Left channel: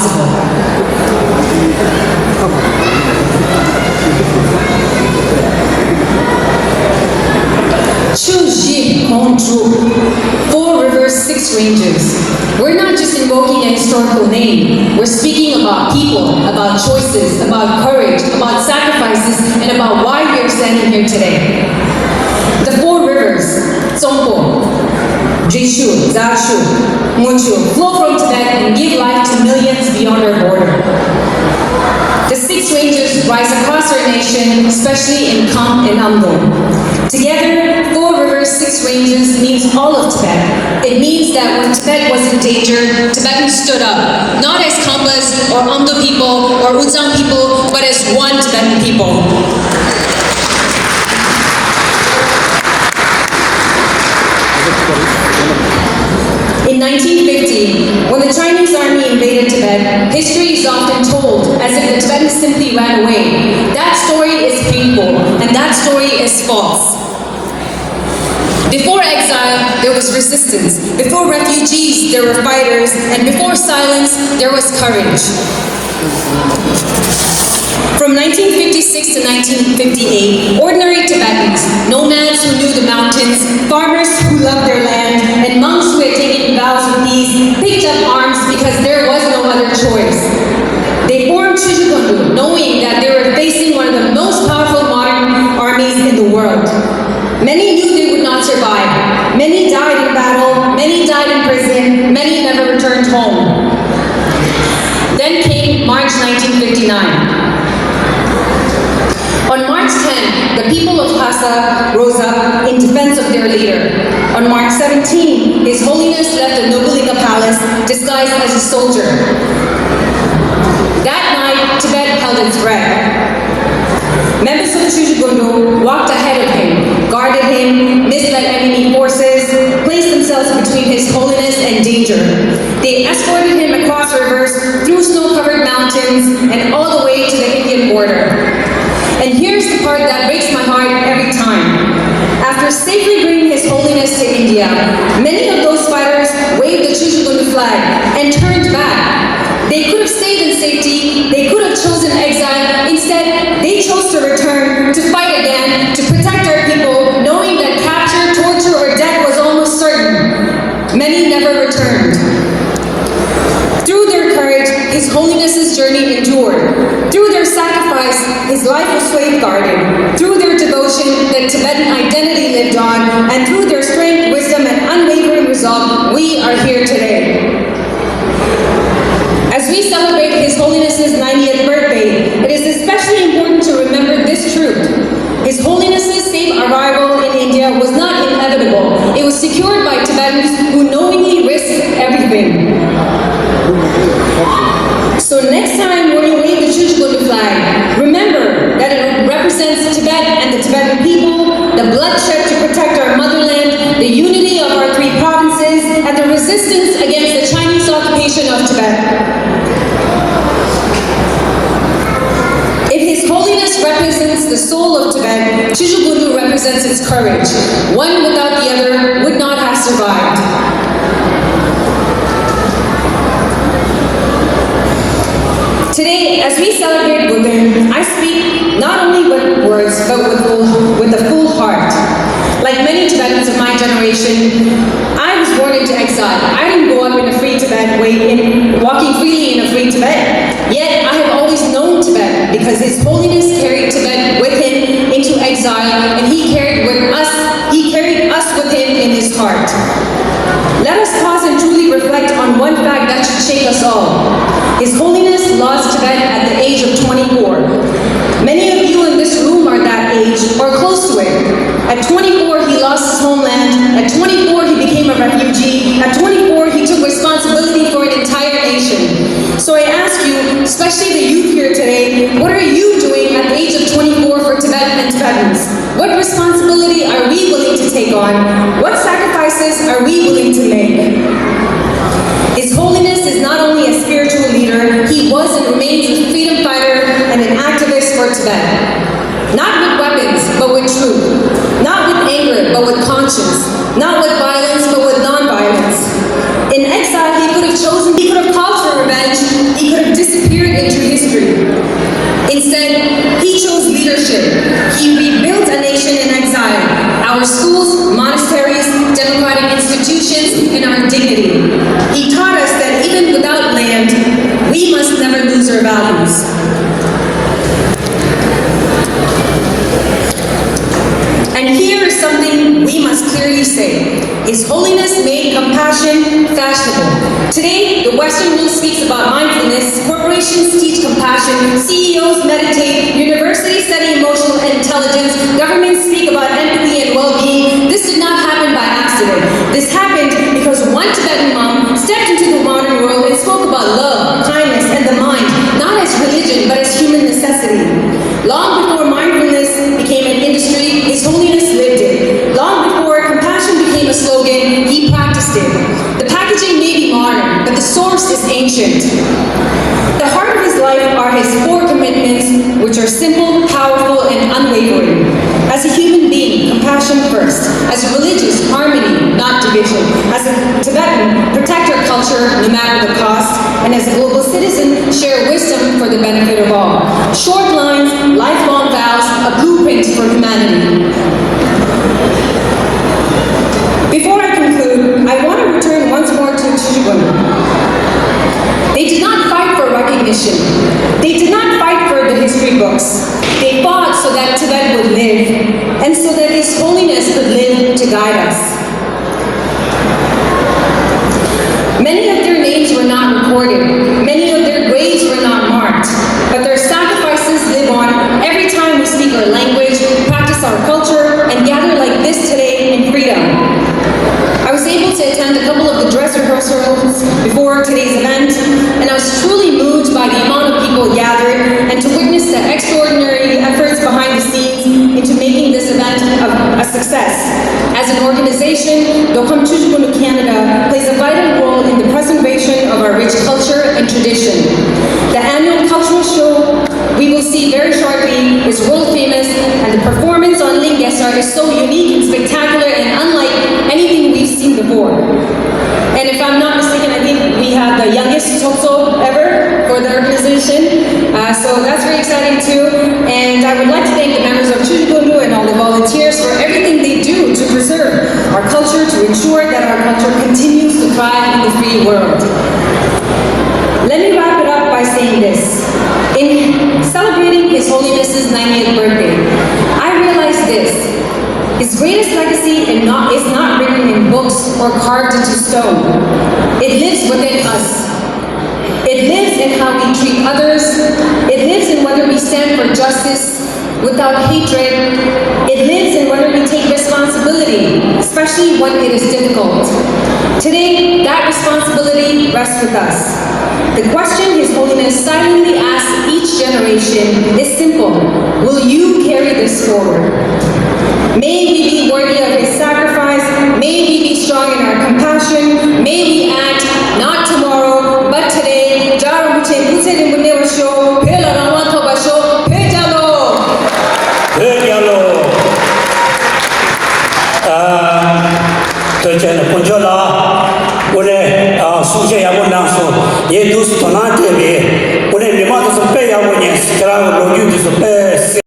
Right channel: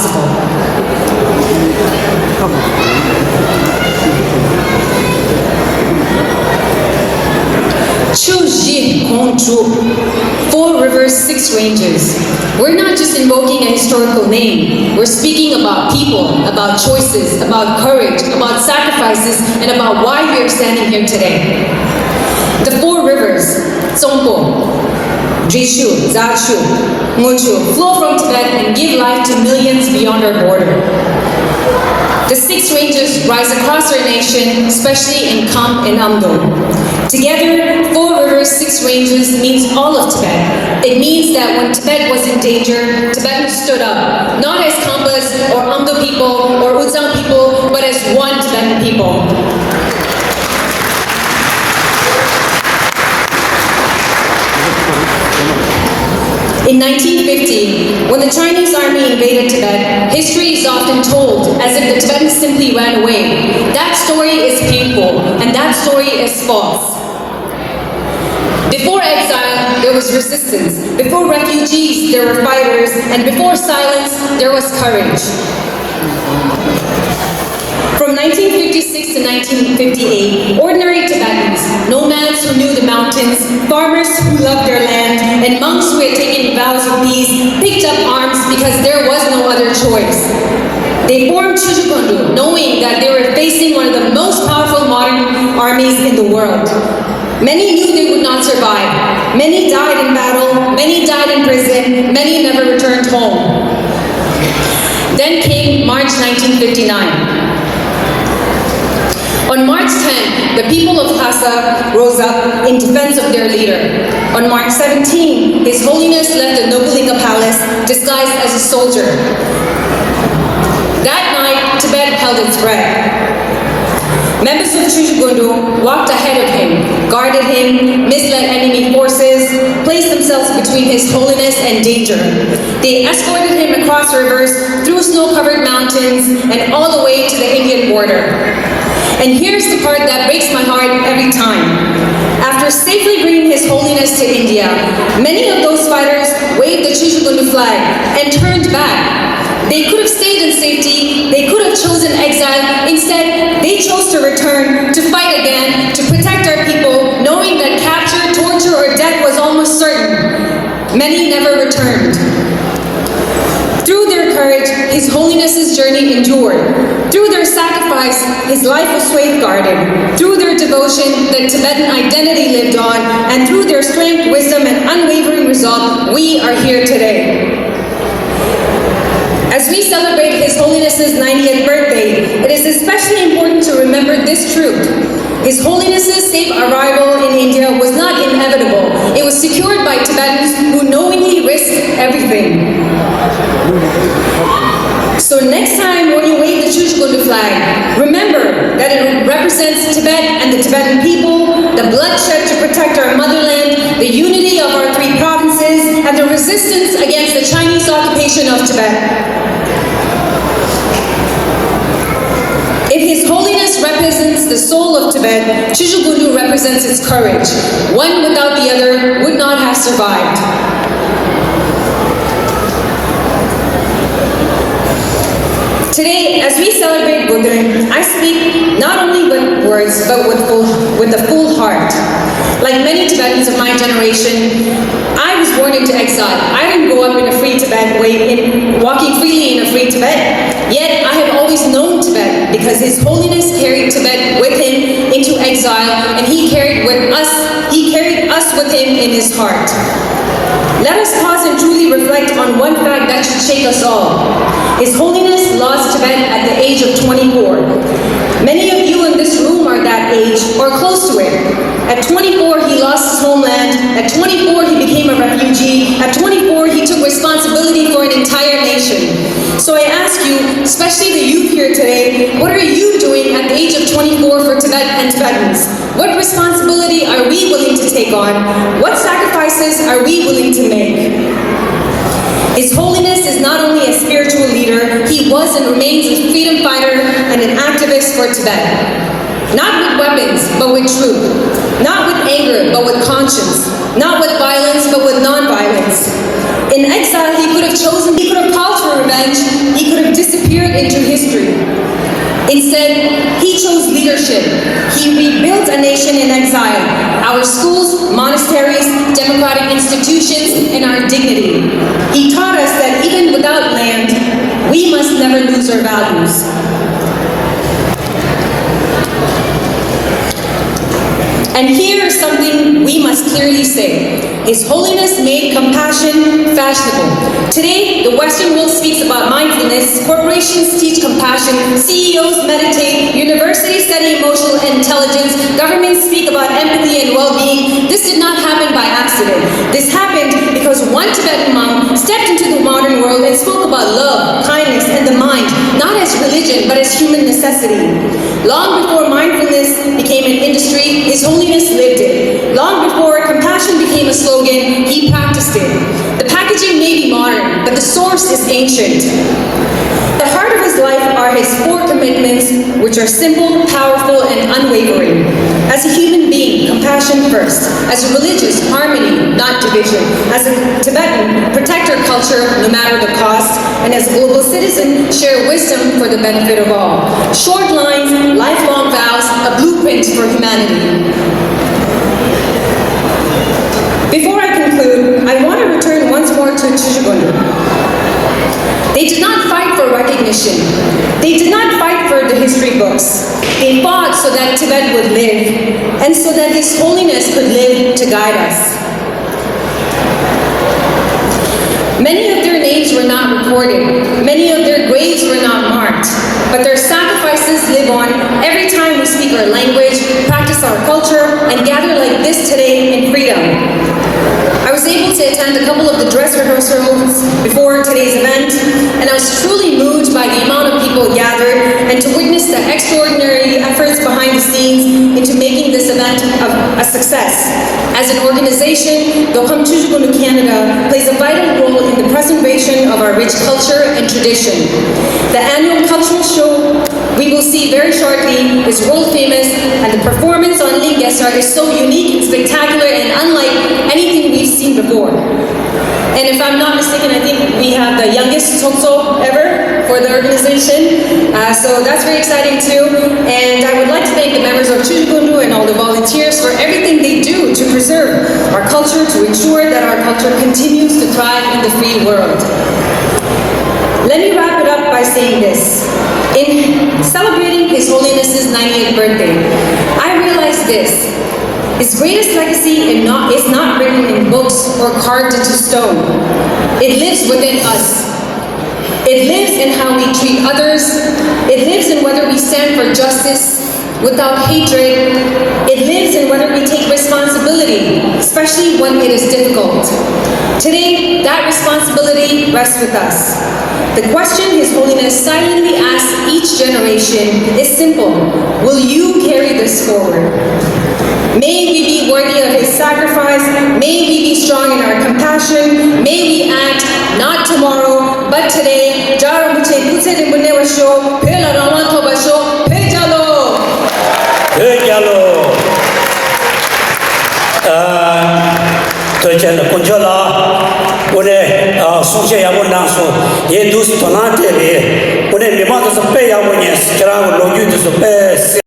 possible. Four rivers, six ranges. We're not just invoking a historical name. We're speaking about people, about choices, about courage, about sacrifices, and about why we are standing here today. The four rivers, Tsongpo, Jishu, Zashu, Munchu, flow from Tibet and give life to millions beyond our border. The six ranges rise across our nation, especially in Kham and Amdo. Together, four rivers, six ranges means all of Tibet. It means that when Tibet was in danger, Tibetans stood up, not as Khampas or Amdo people or Uzang people, but as one Tibetan people. In 1950, when the Chinese army invaded Tibet, history is often told as if the Tibetans simply ran away. That story is painful, and that story is false. Before exile, there was resistance. Before refugees, there were fighters. And before silence, there was courage. From 1956 to 1958, ordinary Tibetans, nomads who knew the mountains, farmers who loved their land, and monks who had taken vows of peace, picked up arms because there was no other choice. They formed Chuchugundu, knowing that they were facing one of the most powerful modern armies in the world. Many knew they would not survive. Many died in battle, many died in prison, many never returned home. Then came March 1959. On March 10, the people of Lhasa rose up in defense of their leader. On March 17, His Holiness left the Nobulinga Palace disguised as a soldier. That night, Tibet held its breath. Members of Chuchugundu walked ahead of him, guarded him, misled enemy forces, placed themselves between His Holiness and danger. They escorted him across rivers, through snow-covered mountains, and all the way to the Indian border. And here's the part that breaks my heart every time. After safely bringing His Holiness to India, many of those fighters waved the Chuchugundu flag and turned back. They could have stayed in safety, they could have chosen exile. Instead, they chose to return, to fight again, to protect our people, knowing that capture, torture, or death was almost certain. Many never returned. Through their courage, His Holiness's journey endured. Through their sacrifice, His life was safeguarded. Through their devotion, the Tibetan identity lived on, and through their strength, wisdom, and unwavering resolve, we are here today. As we celebrate His Holiness's 90th birthday, it is especially important to remember this truth. His Holiness's safe arrival in India was not inevitable. It was secured by Tibetans who knowingly risked everything. So next time when you wave the Chuchugundu flag, remember that it represents Tibet and the Tibetan people, the bloodshed to protect our motherland, the unity of our three provinces, and the resistance against the Chinese occupation of Tibet. If His Holiness represents the soul of Tibet, Chuchugundu represents its courage. One without the other would not have survived. Today, as we celebrate Buddha, I speak not only with words, but with a full heart. Like many Tibetans of my generation, I was born into exile. I didn't grow up in a free Tibet walking freely in a free Tibet. Yet, I have always known Tibet because His Holiness carried Tibet with Him into exile, and He carried us with Him in His heart. Let us pause and truly reflect on one fact that should shake us all. His Holiness lost Tibet at the age of 24. Many of you in this room are that age or close to it. At 24, he lost his homeland. At 24, he became a refugee. At 24, he took responsibility for an entire nation. So I ask you, especially the youth here today, what are you doing at the age of 24 for Tibet and Tibetans? What responsibility are we willing to take on? What sacrifices are we willing to make? His Holiness is not only a spiritual leader, he was and remains a freedom fighter and an activist for Tibet. Not with weapons, but with truth. Not with anger, but with conscience. Not with violence, but with non-violence. In exile, he could have called for revenge, he could here is something we must clearly say. His Holiness made compassion fashionable. Today, the Western world speaks about mindfulness, corporations teach compassion, CEOs meditate, universities study emotional intelligence, governments speak about empathy and well-being. This did not happen by accident. This happened because one Tibetan monk stepped into the modern world and spoke about love, kindness, and the mind, not as religion, but as human necessity. Long before mindfulness became an industry, His Holiness lived it. Long before compassion became a slogan, he practiced it. The packaging may be modern, but the source is ancient. The heart of his life are his 4 commitments, which are simple, powerful, and unwavering. As a human being, compassion first. As a religious, harmony, not division. As a Tibetan, protect our culture no matter the cost. And as a global citizen, share wisdom for the benefit of all. Short lines, lifelong vows, a blueprint for humanity. Before I conclude, I want to return once more to Chichigun. They did not fight for recognition. They did not fight for the history books. They fought so that Tibet would live, and so that His Holiness could live to guide us. Many of their names were not recorded. Many of their graves were not marked. But their sacrifices live on every time we speak our language, practice our culture, and gather like this today in freedom. I was able to attend a couple of the dress rehearsals before today's event, and I was truly moved by the amount of people gathered and to witness the extraordinary efforts behind the scenes into making this event a success. As an organization, Dokam Chujugunu Canada plays a vital role in the preservation of our rich culture and tradition. The annual cultural show we will see very shortly is world famous, and the performance on Indian guest art is so unique and spectacular and unlike anything we've seen before. And if I'm not mistaken, I think we have the youngest Topso ever for the organization. So that's very exciting too. And I would like to thank the members of Chujugunu and all the volunteers for everything they do to preserve our culture, to ensure that our culture continues to thrive in the free world. Let me wrap it up by saying this. In celebrating His Holiness's 90th birthday, I realized this. His greatest legacy is not written in books or carved into stone. It lives within us. It lives in how we treat others. It lives in whether we stand for justice without hatred. It lives in whether we take responsibility, especially when it is difficult. Today, that responsibility rests with us. The question His Holiness silently asks each generation is simple. Will you carry this forward? May we be worthy of His sacrifice. May we be strong in our compassion.